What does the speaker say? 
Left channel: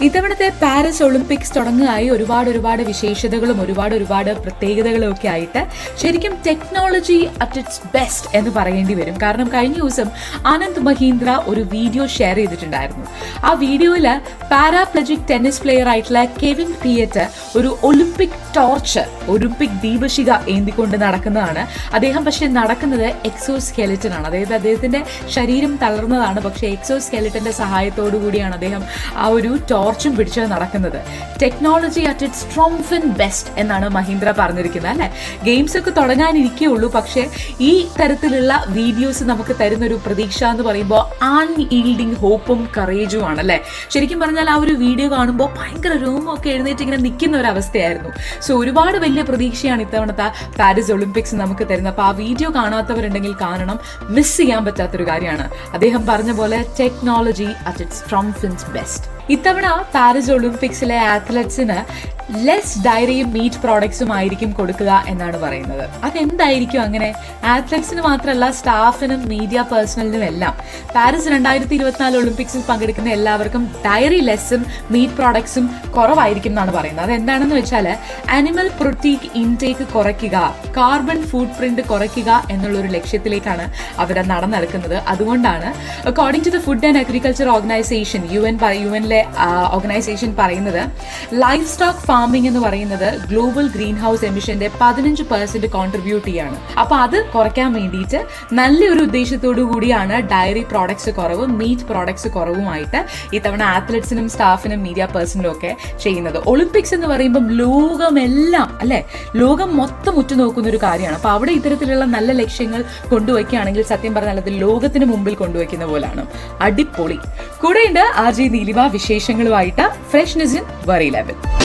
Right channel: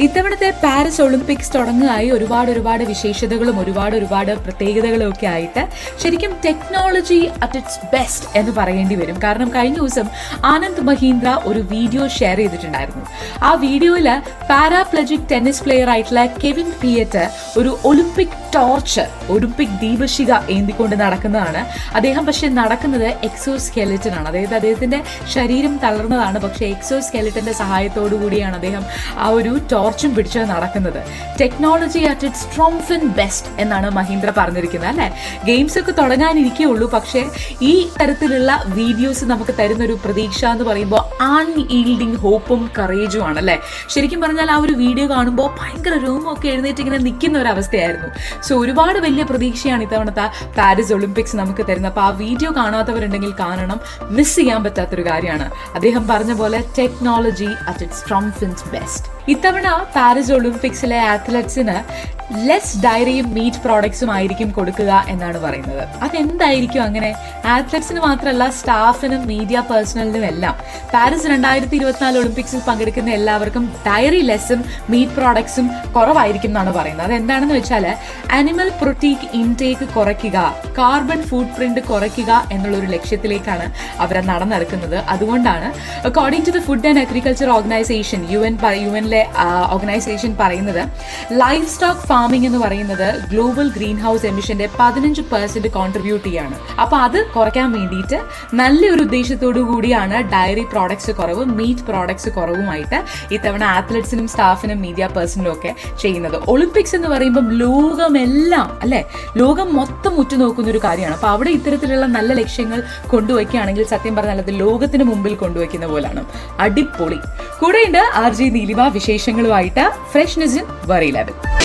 ഇത്തവണത്തെ Paris Olympics തുടങ്ങുകയായി ഒരുപാട് ഒരുപാട് വിശേഷതകളും ഒരുപാട് ഒരുപാട് പ്രത്യേകതകളും ഒക്കെ ആയിട്ട് ശരിക്കും ടെക്നോളജി അറ്റ് ഇറ്റ്സ് ബെസ്റ്റ് എന്ന് പറയേണ്ടി വരും. കാരണം കഴിഞ്ഞ ദിവസം ആനന്ദ് മഹീന്ദ്ര ഒരു വീഡിയോ ഷെയർ ചെയ്തിട്ടുണ്ടായിരുന്നു. ആ വീഡിയോയിൽ പാരാപ്ലജിക് ടെന്നീസ് പ്ലെയർ ആയിട്ടുള്ള കെവിൻ പിയറ്റ് ഒരു ഒളിമ്പിക് ടോർച്ച് ഒളിമ്പിക് ദീപശിക ഏന്തിക്കൊണ്ട് നടക്കുന്നതാണ്. അദ്ദേഹം പക്ഷെ നടക്കുന്നത് എക്സോ സ്കെലറ്റൻ ആണ്. അതായത് അദ്ദേഹത്തിന്റെ ശരീരം തളർന്നതാണ്. പക്ഷെ എക്സോ സ്കെലറ്റന്റെ സഹായത്തോടു കൂടിയാണ് അദ്ദേഹം ആ ഒരു ടോർച്ചും പിടിച്ച് നടക്കുന്നത്. Technology at its strongest and best എന്നാണ് മഹീന്ദ്ര പറഞ്ഞിരിക്കുന്നത് അല്ലെ? ഗെയിംസ് ഒക്കെ തുടങ്ങാനിരിക്കേ ഉള്ളൂ. പക്ഷെ ഈ തരത്തിലുള്ള വീഡിയോസ് നമുക്ക് തരുന്ന ഒരു പ്രതീക്ഷ എന്ന് പറയുമ്പോൾ ആൺ ഈൽഡിങ് ഹോപ്പും കറേജും ആണ് അല്ലെ? ശരിക്കും പറഞ്ഞാൽ ആ ഒരു വീഡിയോ കാണുമ്പോൾ ഭയങ്കര രോമമൊക്കെ എഴുന്നേറ്റ് ഇങ്ങനെ നിൽക്കുന്ന ഒരു അവസ്ഥയായിരുന്നു. സോ ഒരുപാട് വലിയ പ്രതീക്ഷയാണ് ഇത്തവണത്തെ പാരീസ് ഒളിമ്പിക്സ് നമുക്ക് തരുന്നത്. അപ്പൊ ആ വീഡിയോ കാണാത്തവരുണ്ടെങ്കിൽ കാണണം മിസ് ചെയ്യാൻ പറ്റാത്തൊരു കാര്യമാണ്. അദ്ദേഹം പറഞ്ഞ പോലെ technology at it strongs fins best ഇത്തവണ പാരീസ് ഒളിമ്പിക്സിലെ ആത്ലറ്റ്സിന് ലെസ് ഡയറിയും മീറ്റ് പ്രോഡക്ട്സും ആയിരിക്കും കൊടുക്കുക എന്നാണ് പറയുന്നത്. അതെന്തായിരിക്കും അങ്ങനെ? ആത്ലറ്റ്സിന് മാത്രമല്ല സ്റ്റാഫിനും മീഡിയ പേഴ്സണലിനും എല്ലാം. പാരീസ് രണ്ടായിരത്തി ഇരുപത്തിനാല് ഒളിമ്പിക്സിൽ പങ്കെടുക്കുന്ന എല്ലാവർക്കും ഡയറി ലെസ്സും മീറ്റ് പ്രോഡക്ട്സും കുറവായിരിക്കും എന്നാണ് പറയുന്നത്. അതെന്താണെന്ന് വെച്ചാൽ അനിമൽ പ്രോട്ടീൻ ഇൻടേക്ക് കുറയ്ക്കുക കാർബൺ ഫുഡ് പ്രിന്റ് കുറയ്ക്കുക എന്നുള്ള ഒരു ലക്ഷ്യത്തിലേക്കാണ് അവർ നടന്നിറക്കുന്നത് അതുകൊണ്ടാണ് according to the food and agriculture organization U N U എനിലെ organization പറയുന്നത് ലൈഫ് സ്റ്റോക്ക് ഫാമിംഗ് എന്ന് പറയുന്നത് ഗ്ലോബൽ ഗ്രീൻ ഹൗസ് എമിഷന്റെ പതിനഞ്ച് പെർസെന്റ് കോൺട്രിബ്യൂട്ട് ചെയ്യാണ്. അപ്പൊ അത് കുറയ്ക്കാൻ വേണ്ടിയിട്ട് നല്ലൊരു ഉദ്ദേശത്തോടു കൂടിയാണ് ഡയറി പ്രോഡക്ട്സ് കുറവും മീറ്റ് പ്രോഡക്ട്സ് കുറവുമായിട്ട് ഇത്തവണ ആത്ലറ്റ്സിനും സ്റ്റാഫിനും മീഡിയ പേഴ്സണിനും ഒക്കെ ചെയ്യുന്നത്. ഒളിമ്പിക്സ് എന്ന് പറയുമ്പോൾ ലോകമെല്ലാം അല്ലെ? ലോകം മൊത്തം ഉറ്റുനോക്കുന്ന ഒരു കാര്യമാണ്. അപ്പൊ അവിടെ ഇത്തരത്തിലുള്ള നല്ല ലക്ഷ്യങ്ങൾ കൊണ്ടുവയ്ക്കുകയാണെങ്കിൽ സത്യം പറഞ്ഞാൽ അത് ലോകത്തിന് മുമ്പിൽ കൊണ്ടുവയ്ക്കുന്ന പോലാണ്. അടിപൊളി. കൂടെയുണ്ട് ആർ ജെ നീലിമ. വിശേഷങ്ങളുമായിട്ട് ഫ്രഷ്നെസ് ഇൻ ലെവൽ